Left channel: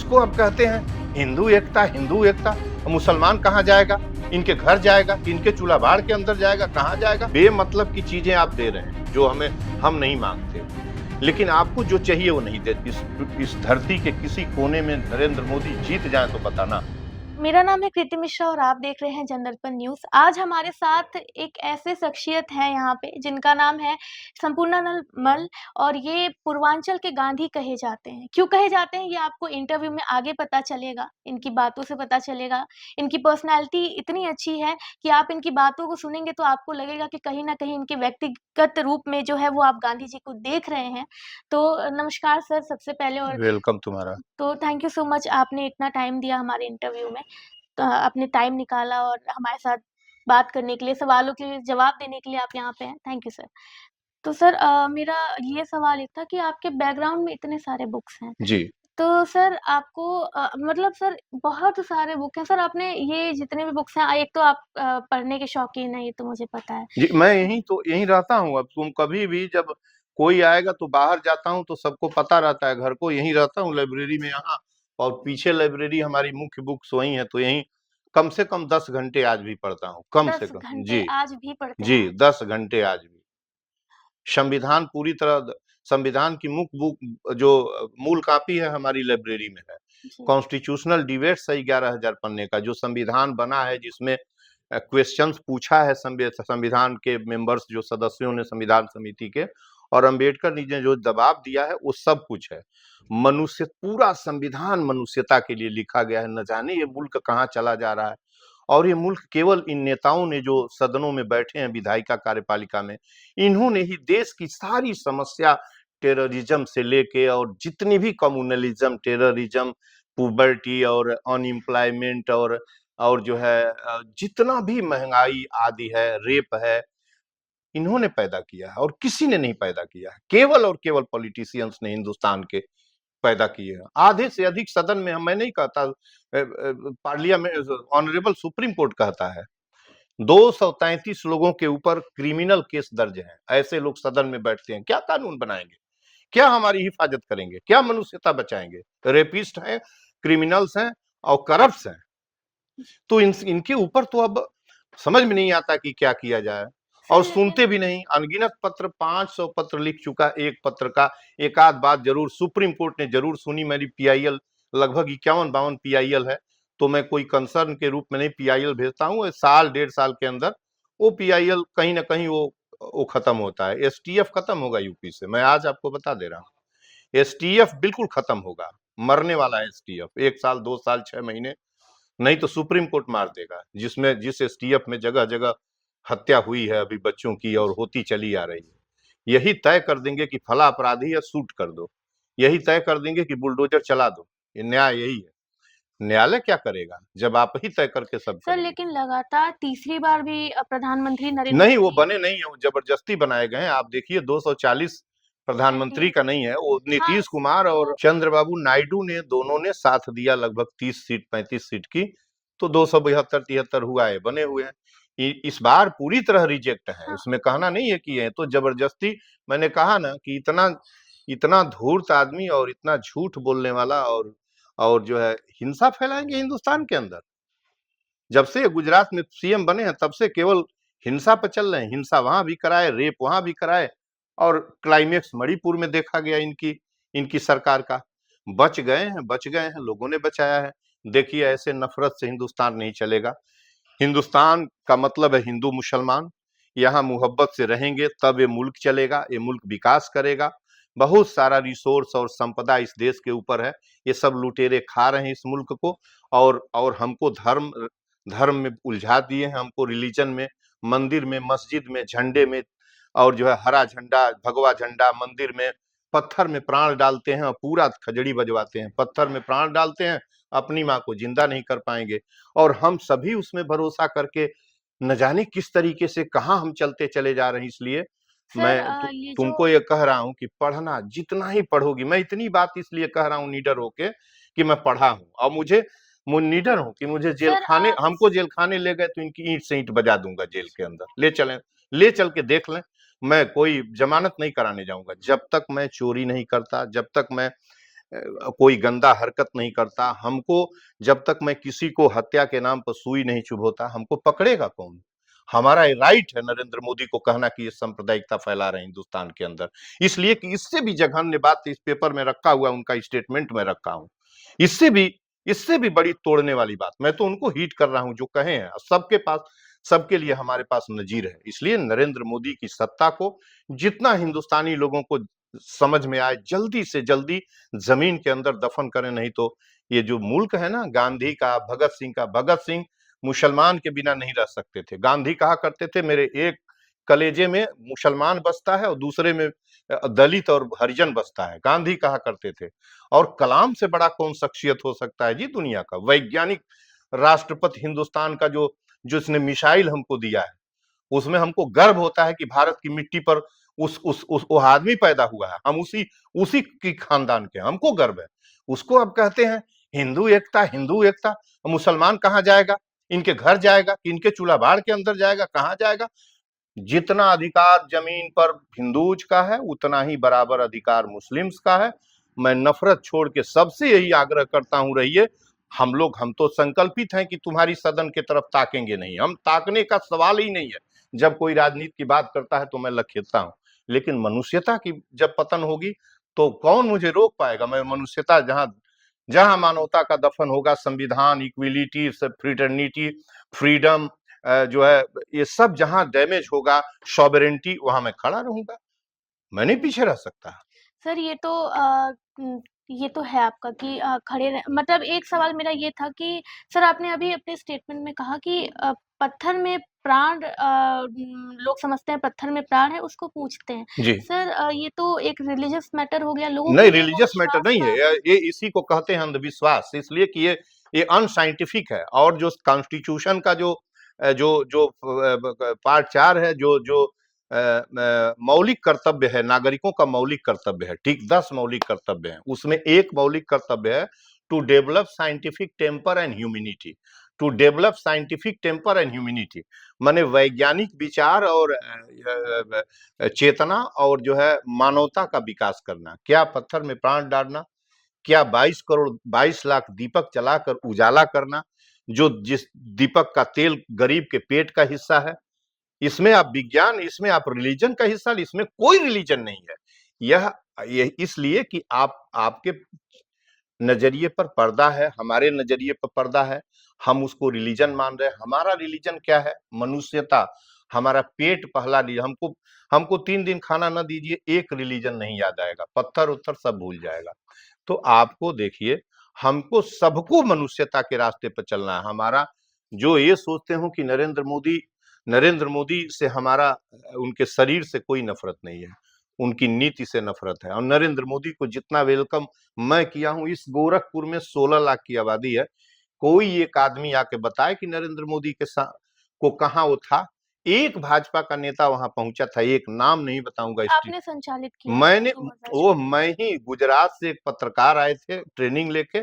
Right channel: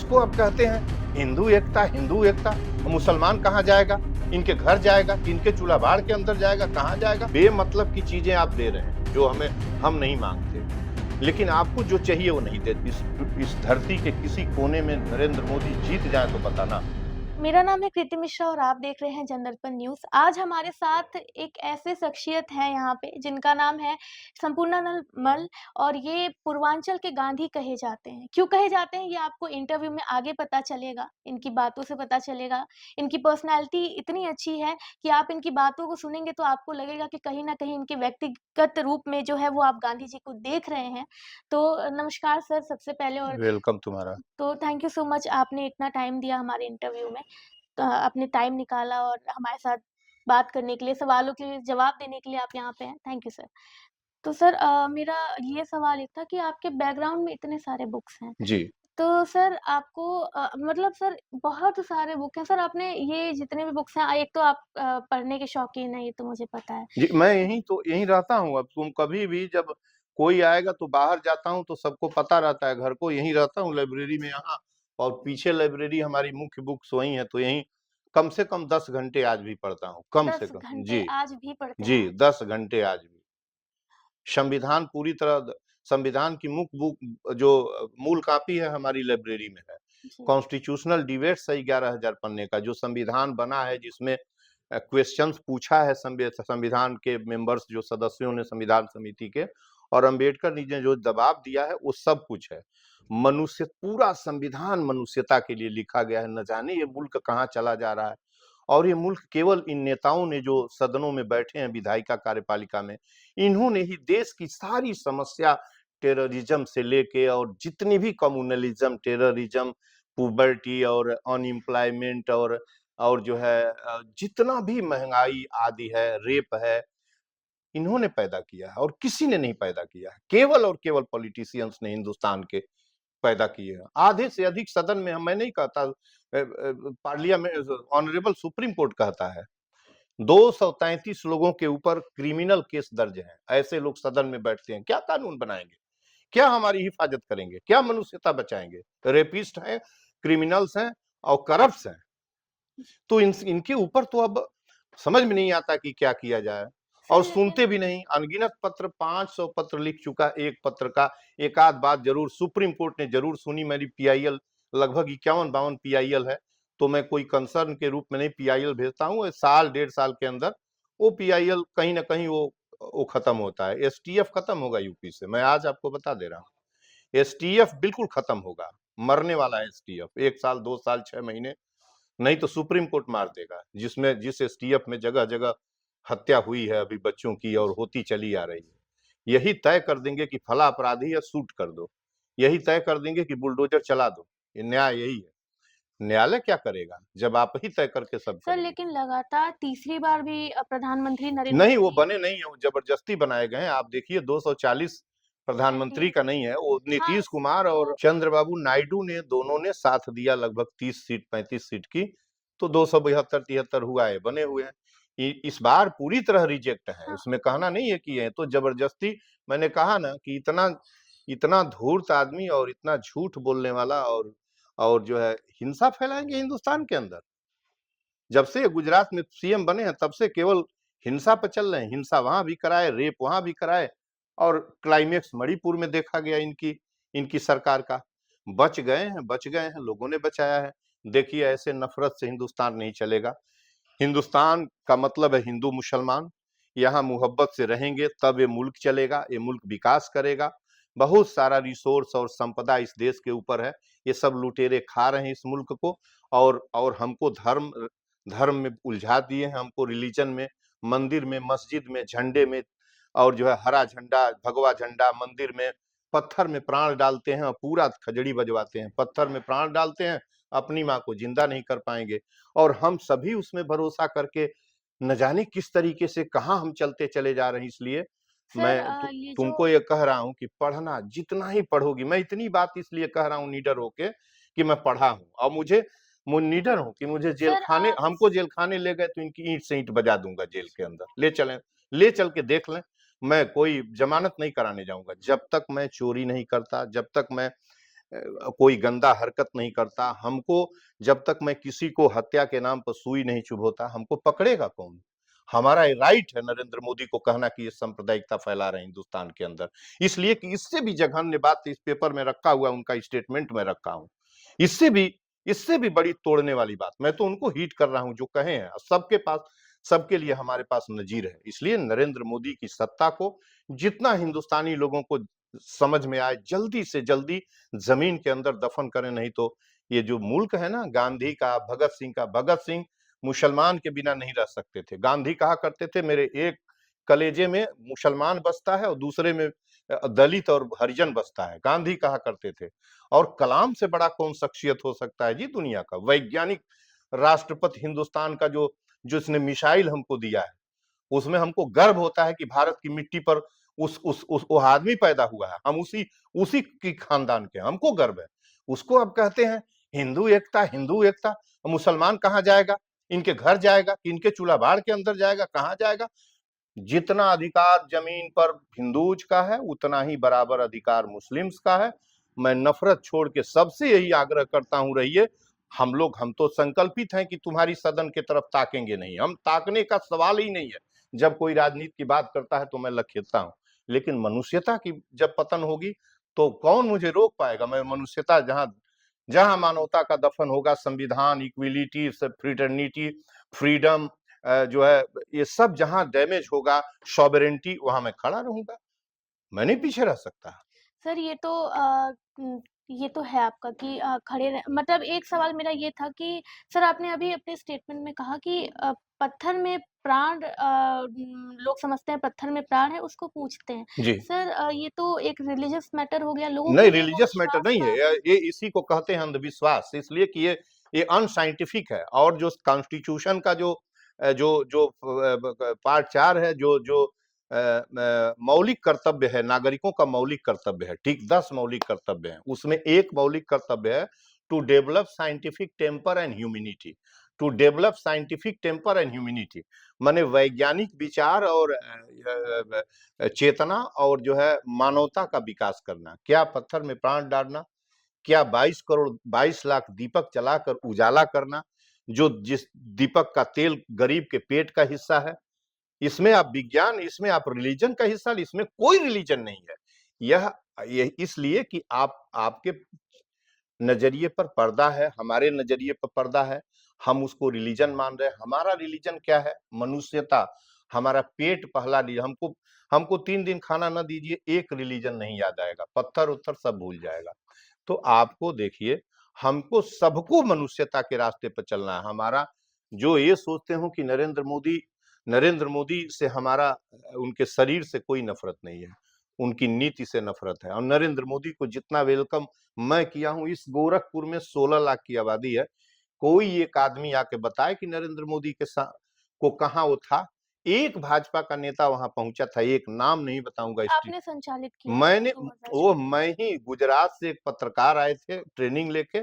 उसको अब कहते हैं हिंदू एकता। मुसलमान कहाँ जाएगा? इनके घर जाएगा कि इनके चूल्हा बाड़ के अंदर जाएगा? कहाँ जाएगा? बेमतलब की चीजें आप दे रहे हैं जो हम नहीं मांगते, लेकिन आपको जो चाहिए वो नहीं देते। इस धरती के किसी कोने में नरेंद्र मोदी जीत जाए तो बताना। मेरा नाम है कृति मिश्रा और आप देख रहे हैं जनदर्पण न्यूज़। आज हमारे साथ एक ऐसे शख्सियत हैं यहाँ पे जिनका नाम है संपूर्णानंद मल और ये पूर्वांचल के गांधी कहे जाते हैं। क्यों कहे जाते हैं ये आपको इंटरव्यू में आगे पता चलेगा, इनकी बातों से पता चलेगा। इनकी पर्सनैलिटी इतनी अच्छी है कि आप इनकी बातों को सुनेंगे तो आपको लगेगा कि कहीं न कहीं इनके व्यक्तिगत रूप में जो है वो आप गांधी जी को देख रहे हैं। तो नमस्कार सर सबसे पहले और वेलकम तुम्हारा। तो थैंक यू सो मच आपने इतना टाइम दिया हमारे इंटरव्यू में। आपने टाइम निकाला और हमारे साथ बात करने के लिए, सवालों के जवाब देने के लिए आप यहाँ पे हैं। Thank you sir. तो सर मेरा ये सवाल ये था कि आपके बैकग्राउंड में इतने सारे बुक्स हैं, जी। तो सर आपको मतलब सर बहुत सारे बुक हैं। सर आपने ये जितने भी बुक्स हैं एक तो आप पढ़ने के शौकीन हैं, ये तो मुझे पता है। जी, मैं यहीं रहता हूँ। अब तुम कभी भी जब कोई आएगा तो बाहर जाता हूँ तो सबको पता रहता है, घर को यहीं रहता हूँ लाइब्रेरी में यहाँ। और पीछे लाइब्रेरी हमारी मुख्य बुक्स वही है, तो यहीं कम से कम 10 घंटे आज भी पढ़ता हूँ, कम से 10 कम। घंटे जी। आज भी पढ़ते हैं जी, आप? 10 घंटे आज भी। संविधान पूरी तरह, संविधान की मुख्य बुक जो मूल कॉपी है हमारी लाइब्रेरी में है। जी। कॉन्स्टिट्यूशनल डिबेट्स है 11,000 पन्ने का, जो संविधान बना है, जिसमें क्वेश्चंस पूछा है संविधान के मेंबर्स, जो सदस्यों ने संविधान समिति के, और अंबेडकर जी ने जो जवाब दिया है वो सब कुछ है। मनुष्य, पूरा संविधान मनुष्यता के लिए लिखा गया है। न जाने ये मुल्क कहाँ चला जा रहा है। और ये मुल्क केवल इन नेताओं ने जो सदनों में बैठे हैं विधायिका कार्यपालिका में, इन्होंने ही देश की सारी समस्या, टेररिज्म से लेके और जितनी भी कम्युनलिज्म, टेररिज्म, पुबर्टी और अनएम्प्लॉयमेंट और जो है जितना भी महंगाई आदि है, रेप है, इन्होंने पैदा किया है और किसी ने नहीं पैदा किया है। केवल और केवल पॉलिटिशियंस ने हिंदुस्तान के पैदा किए हैं। आधे से अधिक सदन में, मैं नहीं कहता, पार्लियामेंट, ऑनरेबल सुप्रीम कोर्ट कहता है 233 लोगों के ऊपर क्रिमिनल केस दर्ज है। ऐसे लोग सदन में बैठते हैं, क्या कानून बनाएंगे? क्या हमारी हिफाजत करेंगे? क्या मनुष्यता बचाएंगे? रेपिस्ट हैं, क्रिमिनल्स हैं और करप्ट हैं। तो इनके ऊपर तो अब समझ में नहीं आता कि क्या किया जाए। सर और लेकिन सुनते भी नहीं। अनगिनत पत्र, 500 पत्र लिख चुका एक पत्र का। एक आध बात जरूर सुप्रीम कोर्ट ने जरूर सुनी। मेरी पीआईएल लगभग 51-52 पीआईएल है, तो मैं कोई कंसर्न के रूप में नहीं पीआईएल भेजता हूँ। साल डेढ़ साल के अंदर वो पीआईएल कहीं ना कहीं वो खत्म होता है। एसटीएफ खत्म होगा यूपी से, मैं आज आपको बता दे रहा हूँ। एसटीएफ बिल्कुल खत्म होगा, मरने वाला है एसटीएफ। 1 साल, 2 साल, 6 महीने, नहीं तो सुप्रीम कोर्ट मार देगा। जिस एसटीएफ में जगह जगह हत्या हुई है अभी बच्चों की, और होती चली आ रही है, यही तय कर देंगे कि फला अपराधी है, शूट कर दो। यही तय कर देंगे कि बुलडोजर चला दो। ये न्याय यही है। न्यायालय क्या करेगा जब आप ही तय करके सब सर करोगे? लेकिन लगातार तीसरी बार भी प्रधानमंत्री नरेंद्र नहीं, वो मोदी बने नहीं है, वो जबरदस्ती बनाए गए हैं। आप देखिए 240 एमपी प्रधानमंत्री का नहीं है वो। हाँ, नीतीश कुमार और चंद्रबाबू नायडू ने, दोनों ने साथ दिया लगभग 30 सीट 35 सीट की, तो 272-73 हुआ है, बने हुए हैं। इस बार पूरी तरह रिजेक्ट है, हाँ, उसमें कहना नहीं है कि ये तो जबरदस्ती। मैंने कहा ना कि इतना इतना धूर्त आदमी और इतना झूठ बोलने वाला, और जो है हिंसा फैलाएंगे हिंदुस्तान के अंदर। जब से गुजरात में सीएम बने हैं तब से केवल हिंसा पर चल रहे हैं। हिंसा वहां भी कराए, रेप वहां भी कराए, और क्लाइमेक्स मणिपुर में देखा गया इनकी इनकी सरकार का। बच गए हैं, लोगों ने बचाया है। देखिए, ऐसे नफरत से हिंदुस्तान नहीं चलेगा। हिंदुस्तान का मतलब है हिंदू मुसलमान। यहाँ मोहब्बत से रहेंगे तब ये मुल्क चलेगा, ये मुल्क विकास करेगा। बहुत सारा रिसोर्स और संपदा इस देश के ऊपर है। ये सब लुटेरे खा रहे हैं इस मुल्क को। और हमको धर्म धर्म में उलझा दिए हैं, हमको रिलीजन में, मंदिर में, मस्जिद में, झंडे में, और जो है हरा झंडा, भगवा झंडा, मंदिर में पत्थर में प्राण डालते हैं और पूरा खजड़ी बजवाते हैं। पत्थर में प्राण डालते हैं, अपनी माँ को जिंदा नहीं कर पाएंगे। और हम सभी उसमें भरोसा करके न जाने किस तरीके से कहाँ हम चलते चले जा रहे हैं। इसलिए सर मैं ये जो तुमको ये कह रहा हूँ कि पढ़ना जितना ही पढ़ोगी। मैं इतनी बात इसलिए कह रहा हूँ निडर होके कि मैं पढ़ा हूँ, और मुझे निडर हूँ कि मुझे जेल सर खाने, हमको जेल खाने ले गए तो इनकी ईंट से ईंट बजा दूंगा जेल के अंदर। ले चल के देख लें। मैं कोई जमानत नहीं कराने जाऊंगा जब तक मैं चोरी नहीं करता, जब तक मैं कोई गंदा हरकत नहीं करता। हमको जब तक मैं किसी को हत्या के नाम पर सुई नहीं चुभोता, हमको पकड़ेगा कौन? हमारा ये राइट है नरेंद्र मोदी को कहना कि ये सांप्रदायिकता फैला रहे हैं हिंदुस्तान के अंदर। इसलिए कि इससे भी जघन्य बात इस पेपर में रखा हुआ, उनका स्टेटमेंट में रखा हूं। इससे भी इससे भी बड़ी तोड़ने वाली बात मैं तो उनको हीट कर रहा हूं जो कहे हैं। सबके पास, सबके लिए हमारे पास नजीर है। इसलिए नरेंद्र मोदी की सत्ता को जितना हिंदुस्तानी लोगों को समझ में आए, जल्दी से जल्दी जमीन के अंदर दफन करें। नहीं तो ये जो मुल्क है ना, गांधी का, भगत सिंह का, भगत सिंह मुसलमान के बिना नहीं रह सकते थे। गांधी कहा करते थे मेरे एक कलेजे में मुसलमान बसता है और दूसरे में दलित और हरिजन बसता है, गांधी कहा करते थे। और कलाम से बड़ा कौन शख्सियत हो सकता है जी दुनिया का? वैज्ञानिक राष्ट्रपति हिंदुस्तान का जो जिसने मिसाइल हमको दिया है, उसमें हमको गर्व होता है कि भारत की मिट्टी पर उस वो आदमी पैदा हुआ है। हम उसी उसी की खानदान के, हमको गर्व है। उसको अब कहते हैं हिंदू एकता, हिंदू एकता। मुसलमान कहाँ जाएगा? इनके घर जाएगा कि इनके चूल्हा बाड़ के अंदर जाएगा? कहाँ जाएगा? जितना अधिकार जमीन पर हिंदूज का है, उतना ही बराबर अधिकार मुस्लिम्स का है। मैं नफरत छोड़ के सबसे यही आग्रह करता हूं, रहिए। हम तो संकल्पित हैं कि तुम्हारी सदन की तरफ ताकेंगे नहीं, हम ताकने का सवाल ही नहीं है। जब कोई राजनीति की बात करता है तो मैं लखेरता हूं, लेकिन मनुष्यता की जब पतन होगी तो कौन मुझे रोक पाएगा? मैं मनुष्यता, जहां जहां मानवता का दफन होगा, संविधान, इक्विलिटी, फ्रीटर्निटी, फ्रीडम, जो है ये सब जहां डैमेज होगा, सॉवरेंटी, वहां मैं खड़ा रहूंगा। मैं नहीं पीछे रह सकता। सर ये तो है आपका कि खड़े रह मतलब एक सवाल मेरा ये था कि सर आपने अभी अपने स्टेटमेंट में कहा कि पत्थर में प्राण लोग समझते हैं पत्थर में प्राण है उसको पूछते हैं। जी। सर ये तो एक रिलीजियस मैटर हो गया, लोगों के नहीं, लिए वो रिलीजियस मैटर विश्वास नहीं है। का ये इसी को कहते हैं अंधविश्वास, इसलिए कि ये अनसाइंटिफिक है। और जो कॉन्स्टिट्यूशन का जो जो जो पार्ट 4 है, जो जो मौलिक कर्तव्य है, नागरिकों का मौलिक कर्तव्य है, ठीक 10 मौलिक कर्तव्य हैं, उसमें एक मौलिक कर्तव्य है to develop scientific temper and humanity. To develop scientific temper and humanity माने वैज्ञानिक विचार और चेतना और जो है मानवता का विकास करना। क्या पत्थर में प्राण डालना? क्या 22 लाख दीपक जलाकर उजाला करना? जो जिस दीपक का तेल गरीब के पेट का हिस्सा है। इसमें आप विज्ञान, इसमें आप रिलीजन का हिस्सा, इसमें कोई रिलीजन नहीं है। यह इसलिए कि आप आपके नजरिए पर पर्दा है, हमारे नजरिए पर पर्दा है। हम उसको रिलीजन मान रहे हैं। हमारा रिलीजन क्या है? मनुष्यता। हमारा पेट पहला रिलीजन। हमको हमको 3 दिन खाना न दीजिए, एक रिलीजन नहीं याद आएगा, पत्थर उत्थर सब भूल जाएगा। तो आपको देखिए, हमको सबको मनुष्यता के रास्ते पर चलना है। हमारा जो ये सोचते हो कि नरेंद्र मोदी से हमारा उनके शरीर से कोई नफरत नहीं है, उनकी नीति से नफरत है। और नरेंद्र मोदी को जितना वेलकम मैं किया हूं, इस गोरखपुर में 16 लाख की आबादी है। कोई एक आदमी आके बताए कि नरेंद्र मोदी के साथ को कहाँ वो था? एक भाजपा का नेता वहां पहुंचा था, एक नाम नहीं बताऊंगा स्ट्रीट। आपने संचालित किया था मैंने 2024 वो मैं ही, गुजरात से एक पत्रकार आए थे ट्रेनिंग लेके।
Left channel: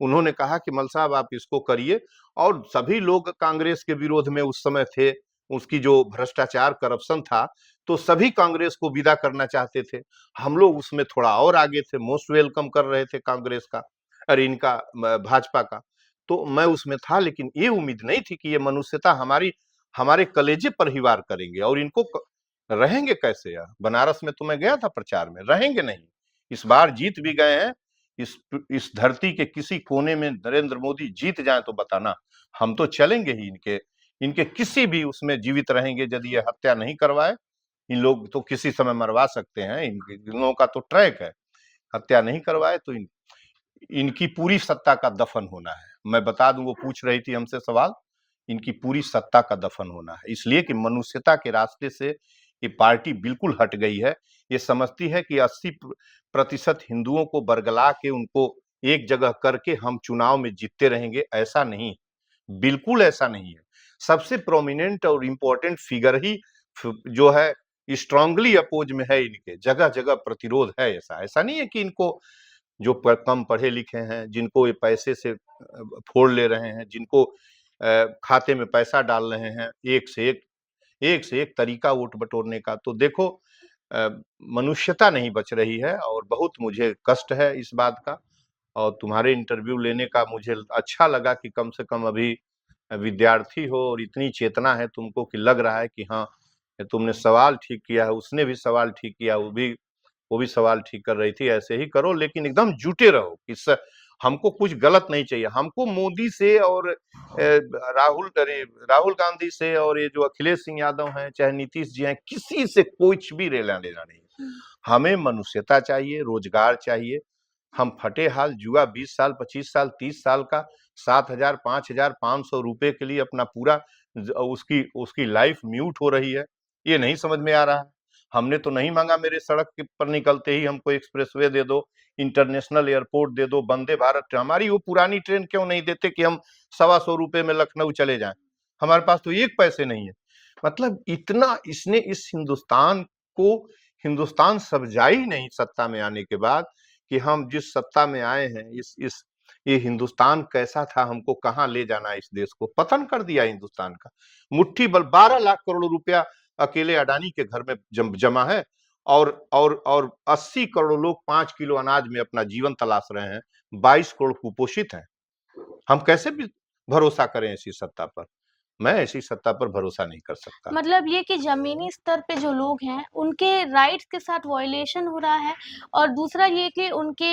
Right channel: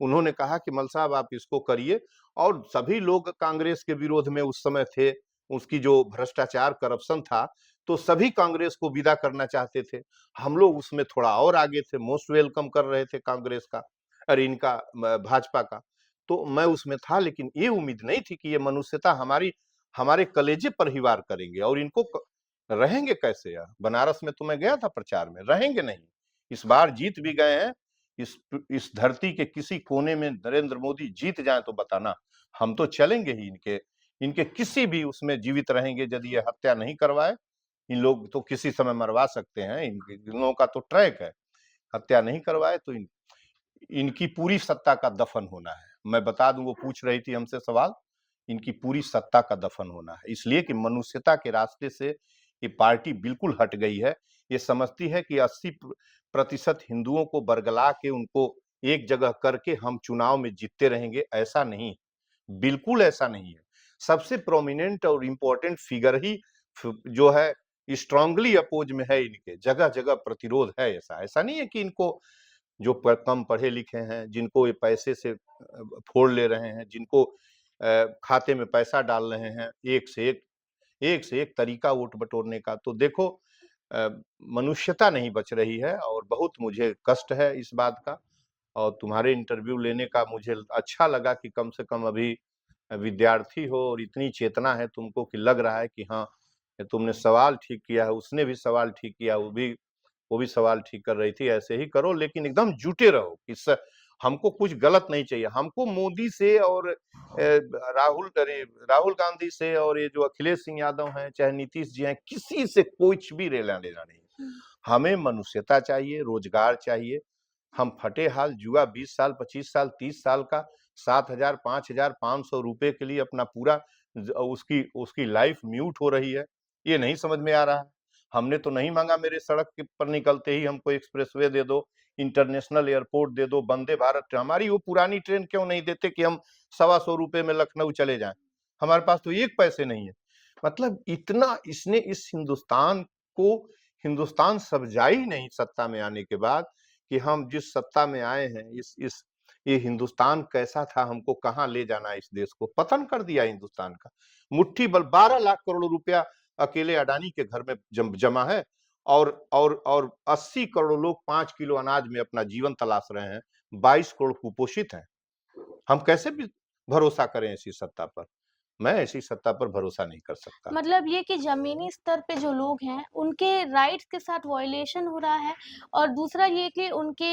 उन्होंने कहा कि मल साहब आप इसको करिए। और सभी लोग कांग्रेस के विरोध में उस समय थे, उसकी जो भ्रष्टाचार करप्शन था, तो सभी कांग्रेस को विदा करना चाहते थे। हम लोग उसमें थोड़ा और आगे थे, मोस्ट वेलकम कर रहे थे कांग्रेस का, अरे इनका भाजपा का। तो मैं उसमें था, लेकिन ये उम्मीद नहीं थी कि ये मनुष्यता हमारे कलेजे पर ही वार करेंगे। और इनको रहेंगे कैसे यार? बनारस में तो मैं गया था प्रचार में, रहेंगे नहीं। इस बार जीत भी गए हैं। इस धरती के किसी कोने में नरेंद्र मोदी जीत जाए तो बताना, हम तो चलेंगे ही इनके इनके किसी भी उसमें जीवित रहेंगे। यदि ये हत्या नहीं करवाए, इन लोग तो किसी समय मरवा सकते हैं, इन लोगों का तो ट्रैक है। हत्या नहीं करवाए तो इनकी पूरी सत्ता का दफन होना है। मैं बता दूं, वो पूछ रही थी हमसे सवाल, इनकी पूरी सत्ता का दफन होना है। इसलिए कि मनुष्यता के रास्ते से ये पार्टी बिल्कुल हट गई है। ये समझती है कि 80% हिंदुओं को बरगला के उनको एक जगह करके हम चुनाव में जीतते रहेंगे। ऐसा नहीं, बिल्कुल ऐसा नहीं है। सबसे प्रोमिनेंट और इम्पोर्टेंट फिगर ही जो है स्ट्रांगली अपोज में है, इनके जगह जगह प्रतिरोध है। ऐसा ऐसा नहीं है कि इनको जो कम पढ़े लिखे हैं, जिनको ये पैसे से फोड़ ले रहे हैं, जिनको खाते में पैसा डाल रहे हैं, एक से एक तरीका वोट बटोरने का। तो देखो, अ, मनुष्यता नहीं बच रही है और बहुत मुझे कष्ट है इस बात का। और तुम्हारे इंटरव्यू लेने का मुझे अच्छा लगा कि कम से कम अभी विद्यार्थी हो और इतनी चेतना है तुमको कि लग रहा है कि हाँ, तुमने सवाल ठीक किया है, उसने भी सवाल ठीक किया, वो भी सवाल ठीक कर रही थी। ऐसे ही करो, लेकिन एकदम जुटे रहो कि हमको कुछ गलत नहीं चाहिए। हमको मोदी से और राहुल गांधी से और ये जो अखिलेश सिंह यादव हैं, चाहे नीतीश जी हैं, किसी से कुछ भी लेना देना नहीं। हुँ। हमें मनुष्यता चाहिए, रोजगार चाहिए। हम फटे हाल जुआ 20 साल, 25 साल, 30 साल का 7,000, 5,000, 500 रुपए के लिए अपना पूरा उसकी उसकी लाइफ म्यूट हो रही है। ये नहीं समझ में आ रहा है। हमने तो नहीं मांगा मेरे सड़क के पर निकलते ही हमको एक्सप्रेसवे दे दो, इंटरनेशनल एयरपोर्ट दे दो, वंदे भारत हमारी वो पुरानी ट्रेन क्यों नहीं देते कि हम 125 रुपए में लखनऊ चले जाएं। हमारे पास तो एक पैसे नहीं है। मतलब इतना इसने इस हिंदुस्तान को, हिंदुस्तान समझा ही नहीं सत्ता में आने के बाद कि हम जिस सत्ता में आए हैं, इस ये हिंदुस्तान कैसा था, हमको कहाँ ले जाना है, इस देश को पतन कर दिया हिंदुस्तान का। मुट्ठी भर 12 लाख करोड़ रुपया अकेले अडानी के घर में जमा है, और 80 करोड़ लोग 5 किलो अनाज में अपना जीवन तलाश रहे हैं, 22 करोड़ कुपोषित हैं। हम कैसे भी भरोसा करें ऐसी सत्ता पर? मैं ऐसी सत्ता पर भरोसा नहीं कर सकता। मतलब ये कि ज़मीनी स्तर पे जो लोग हैं, उनके राइट्स के साथ वायलेशन हो रहा है और दूसरा ये कि उनके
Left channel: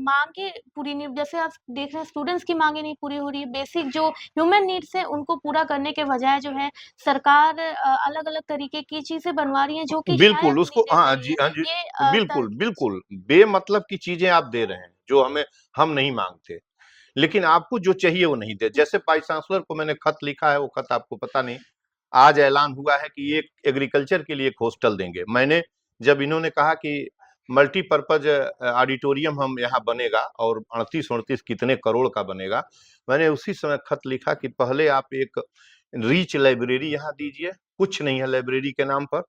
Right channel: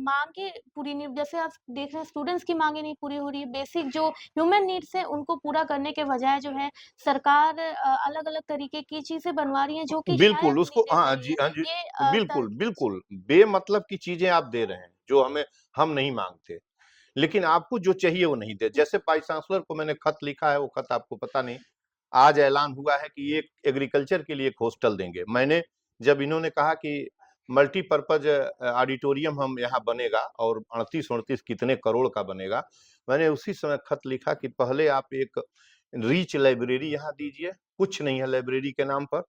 माँगे पूरी नहीं, जैसे आप देख रहे हैं स्टूडेंट्स की माँगे नहीं पूरी हो रही है, बेसिक जो ह्यूमन नीड्स हैं, उनको पूरा करने के बजाय जो है सरकार अलग-अलग तरीके की चीज़ें बनवा रही हैं, जो कि शायद बिल्कुल, उसको नीडेड हाँ नहीं जी, है। हाँ जी। ये बिल्कुल, बिल्कुल, बेमतलब की चीज़ें आप दे रहे हैं, जो हम नहीं माँगते। लेकिन आपको जो चाहिए वो नहीं दे। जैसे वाइस चांसलर को मैंने खत लिखा है, वो खत आपको पता नहीं, आज ऐलान हुआ है कि ये एग्रीकल्चर के लिए एक हॉस्टल देंगे। मैंने जब इन्होंने कहा कि मल्टीपर्पज़ ऑडिटोरियम हम यहाँ बनेगा और 38-39 कितने करोड़ का बनेगा, मैंने उसी समय खत लिखा कि पहले आप एक रीच लाइब्रेरी यहाँ दीजिए, कुछ नहीं है लाइब्रेरी के नाम पर।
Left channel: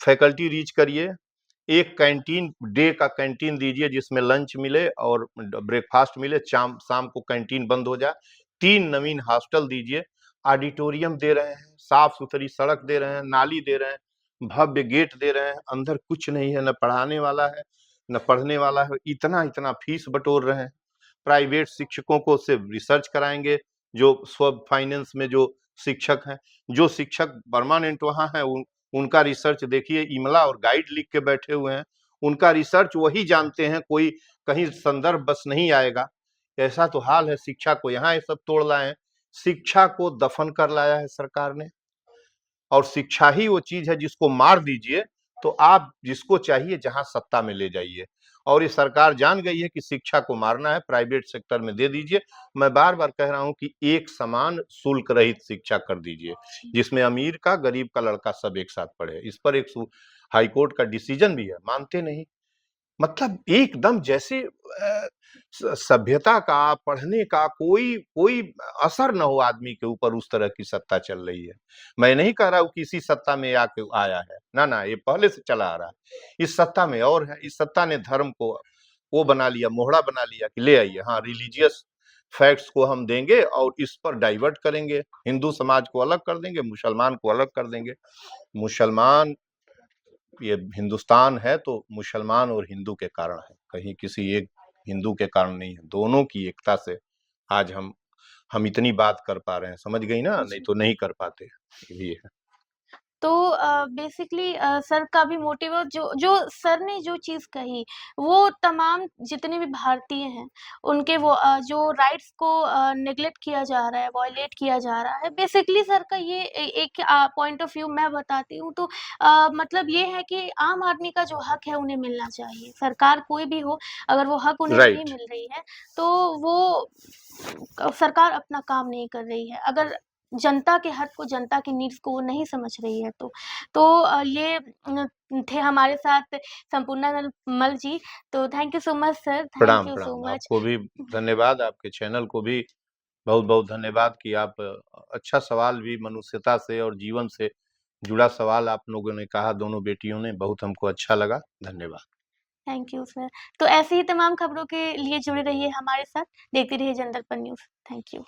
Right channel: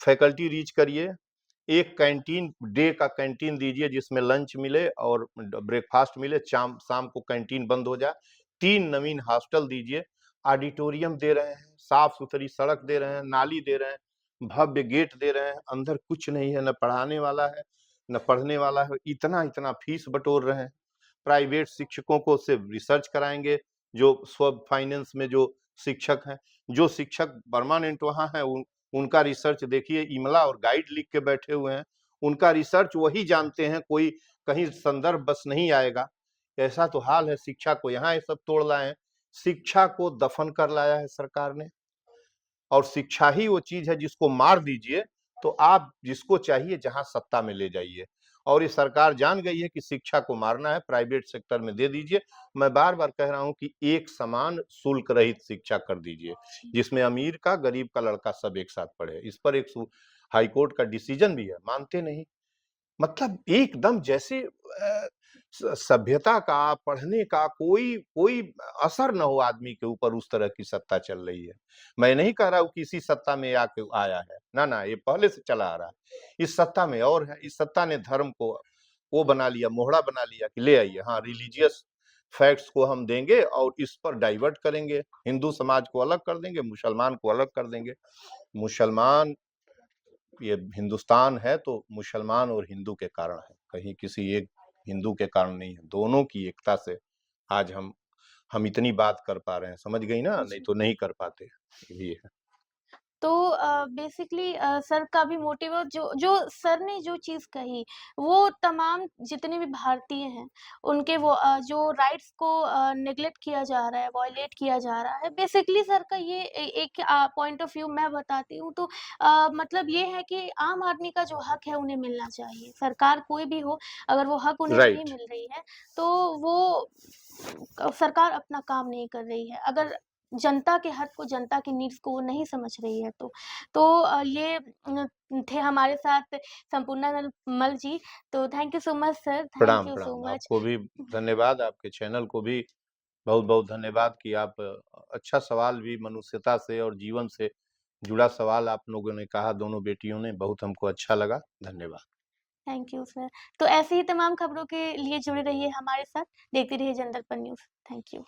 फैकल्टी रीच करिए, एक कैंटीन, डे का कैंटीन दीजिए जिसमें लंच मिले और ब्रेकफास्ट मिले, शाम को कैंटीन बंद हो जाए। 3 नवीन हॉस्टल दीजिए, ऑडिटोरियम दे रहे हैं, साफ-सुथरी सड़क दे रहे हैं, नाली दे रहे हैं, भव्य गेट दे रहे हैं, अंदर कुछ नहीं है, न पढ़ाने वाला है, न पढ़ने वाला है, इतना-इतना फीस बटोर रहे हैं। प्राइवेट शिक्षकों को सिर्फ रिसर्च कराएँगे, जो स्व फाइनेंस में जो शिक्षक हैं, जो शिक्षक परमानेंट वहाँ हैं, उनका रिसर्च देखिए, इमला और गाइड लिख के बैठे हुए हैं। उनका रिसर्च वही जानते हैं, कोई कहीं संदर्भ बस नहीं आएगा। ऐसा तो हाल है, शिक्षा को यहाँ ये सब तोड़ लाए हैं। शिक्षा को दफन कर लाया है सरकार ने, और शिक्षा ही वो चीज़ है जिसको मार दीजिए, तो आप जिसको चाहिए जहाँ सत्ता में ले जाइए। और ये सरकार जान गई है कि शिक्षा को मारना है, प्राइवेट सेक्टर में दे दीजिए। मैं बार-बार कह रहा हूँ कि एक समान शुल्क रहित शिक्षा कर दीजिए, जी। जिसमें अमीर का, गरीब का लड़का सब एक साथ पढ़े। इस पर एक हाई कोर्ट का डिसीजन भी है, मानते नहीं। मतलब एकदम जैसे सभ्यता का, पढ़ने का कोई कोई असर न हो आदमी के ऊपर, उस तरह की सत्ता चल रही है। मैं नहीं कह रहा हूँ कि इसी सत्ता में आके आया है, ना ना, ये पहले से चला आ रहा है। इस सत्ता में और है, इस सत्ता ने धर्म को वो बना लिया, मोहरा बना लिया कि ले आइए, हाँ रिलीजियस फैक्ट्स को हम देंगे और इस पर डाइवर्ट करेंगे, हिंदू समाज को अलग कर देंगे, मुसलमान को अलग कर देंगे। मुसलमान, ये हिंदुस्तान है तो मुसलमान और हिंदू के कारण है, कहीं किसी एक हिंदू के कारण नहीं है। दोनों की एकता से आज हम इतनी बात कर पा रहे हैं, समझ गई ना? नहीं जी। तो नहीं कर पाते। यही है। तो बेसिकली सर का भी मोटिव है, जो जो सर ने जो चीज़ कही, वो तमाम जितने भी भारतीय हैं, उनके वो जो राइट्स को नेग्लेक्ट किया जा रहा है, वॉयलेट किया जा रहा है। बेसिकली सर का ये एक पॉइंट ऑफ व्यू मैं बताती हूँ, तो मतलब ये है कि आम आदमी का जो हक है, उन्हें मिलना चाहिए। सरकार कोई भी हो, अगर वो हक उन्हें नहीं राइट। मिल रही है, तो वो सरकार अपना काम नहीं कर रही है। अगर जनता के हक को, जनता की नीड्स को वो नहीं समझ रही है तो। तो ये थे हमारे साथ संपूर्णानंद मल जी, तो thank you so much sir, thank प्रणाम, यू सो प्रणाम। मच। आपको भी धन्यवाद, आपके चैनल को भी बहुत-बहुत धन्यवाद कि आप अच्छा सवाल भी मनुष्यता से और जीवन से जुड़ा सवाल आप लोगों ने कहा, दोनों बेटियों ने, बहुत हमको अच्छा लगा। धन्यवाद। Thank you sir. तो ऐसे ही तमाम खबरों के लिए जुड़े रहिए हमारे साथ, देखते रहिए जनदर्पण न्यूज़। Thank you.